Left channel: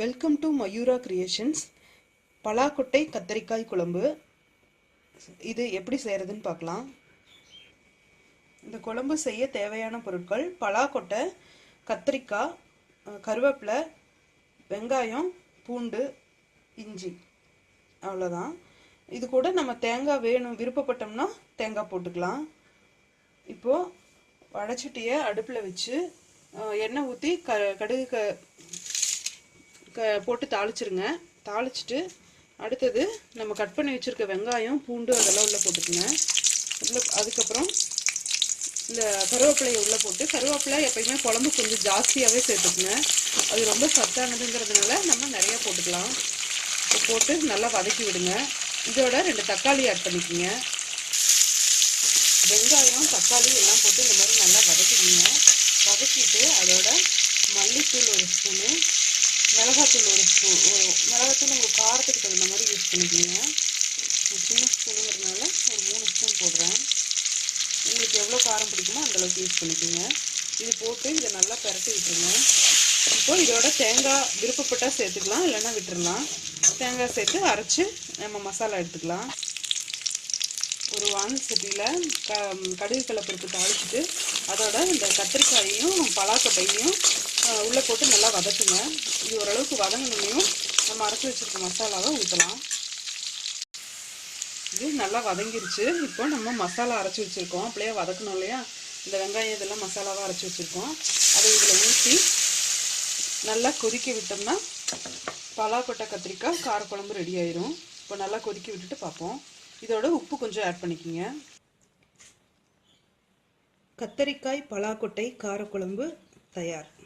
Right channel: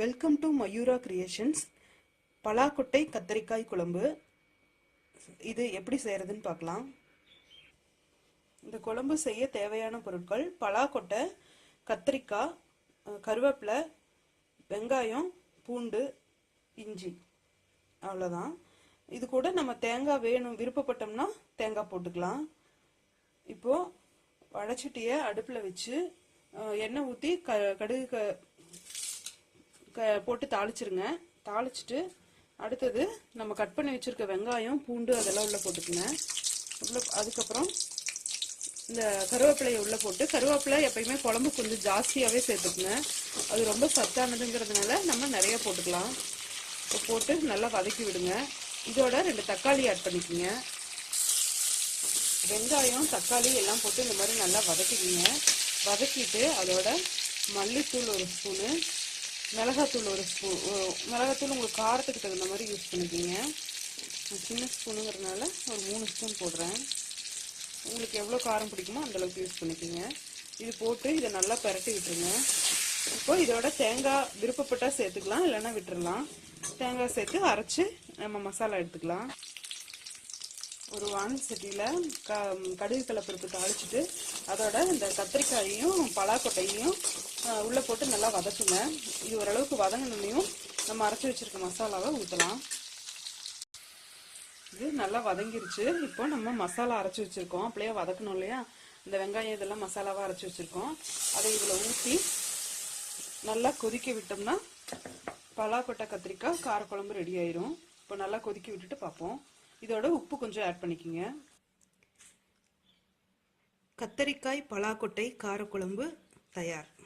Welcome to Mayura creations பலாக்கொட்டை கத்தரிக்காய் குழம்பு. இது எப்படி செய்கிறதுன்னு பார்க்கலாம். இந்த குழம்பு செய்ய தேவையான பொருட்கள் பலாக்கொட்டை கத்திரிக்காய் கருவேப்பிலை வெங்காயம் பூண்டு இஞ்சி. அவ்வளோதான் இது கூட நம்ம தேங்காய் வேணும் விருப்பப்பட்டோம்னா தேங்காய் போட்டுக்கலாம். இப்போது வடச்சட்டியை அடுப்பில் வச்சு எண்ணெய் ஊற்றி க கடுகு க க போட்டு தாளிச்சிருங்க. தாளிச்சிட்டு அடுத்தது நம்ம கட் பண்ணி வச்சுருக்க வெங்காயம் பூண்டு அதெல்லாம் உள்ளே போட்டுக்குங்க. உள்ளே அதுக்கப்புறம் இந்த கருவேப்பிலையை உள்ளே போட்டு கருவேப்பிலை எப்பயுமே குழம்பு கொஞ்சம் ஜாஸ்தியாகவே சேர்த்துக்குங்க. அது ரொம்ப சத்தானதுங்கிறதுனால நம்ம நிறைய போட்டுக்கலாம். இப்போ போட்டு நல்லா வதக்கி விடுங்க. இதோட ரெண்டு தக்காளி ஆட் பண்ணிக்கோங்க. வெங்காயம் தக்காளி எல்லாம் போட்டு இந்த மாதிரி நல்லா வதக்கிக்கிங்க வதக்கிட்டு அதோட மல்லித்தூள் ஒரு ஸ்பூனு மிளகாத்தூள் ஒரு ஸ்பூன் மிளகாத்தூள் உங்களுக்கு காரத்துக்கு தகுந்த மாதிரி யூஸ் பண்ணிக்கோங்க. நான் சின்ன ஸ்பூனுங்கிறதுனால ஒரு மூணு ஸ்பூன் போடுறேன். உங்களுக்கு எவ்வளோ காரம் பிடிக்குமோ அந்தளவுக்கு யூஸ் பண்ணிக்கோங்க. இது போட்டு இதை நல்லா பரட்டி விட்டுருங்க. இப்போ இதோட தேங்காய் விருப்பப்பட்டால் சேர்த்துக்கலாம் இல்லைன்னா விட்டுறலாம். தேங்காய் சேர்த்து அரைச்சி நம்ம மசாலா எடுத்துக்கலாம். ஒரு வான் சட்டியில் க கடுகு கலப்பருப்பு தாளிச்சிட்டு அதோட இந்த கத்திரிக்காயையும் பலாக்கொட்டையும் உள்ளே போட்டு நல்லா வதக்குங்க. இது ஓரளவுக்கு வதங்கினையும் நம்ம அரைச்சி வச்சுருக்க மசாலாவை ஊற்றலாம் இது நல்லா வதங்கிருச்சு. இப்போ நம்ம மசாலா அரைச்சி வச்சுருக்கோம். அப்படியே வதக்கணும் இல்லையா? இந்த வெங்காயம் இதெல்லாம் மசாலாவாக அரைச்சி வச்சுருக்கோம். அதை இதில் ஊற்றி நல்லா கொதிக்க விட்டோம்னா பலாக்கொட்டை கத்திரிக்காய் காரக்குழம்பு ரெடி ஆயிரும். இப்போ நல்லா கொதிக்க விட்டுட்டு பார்ப்போம். இதோட உப்பு கொஞ்சம் ஆட் பண்ணிக்கோங்க. கத்தரிக்காய் பலாக்கொட்டை காரக்குழம்பு தயார்.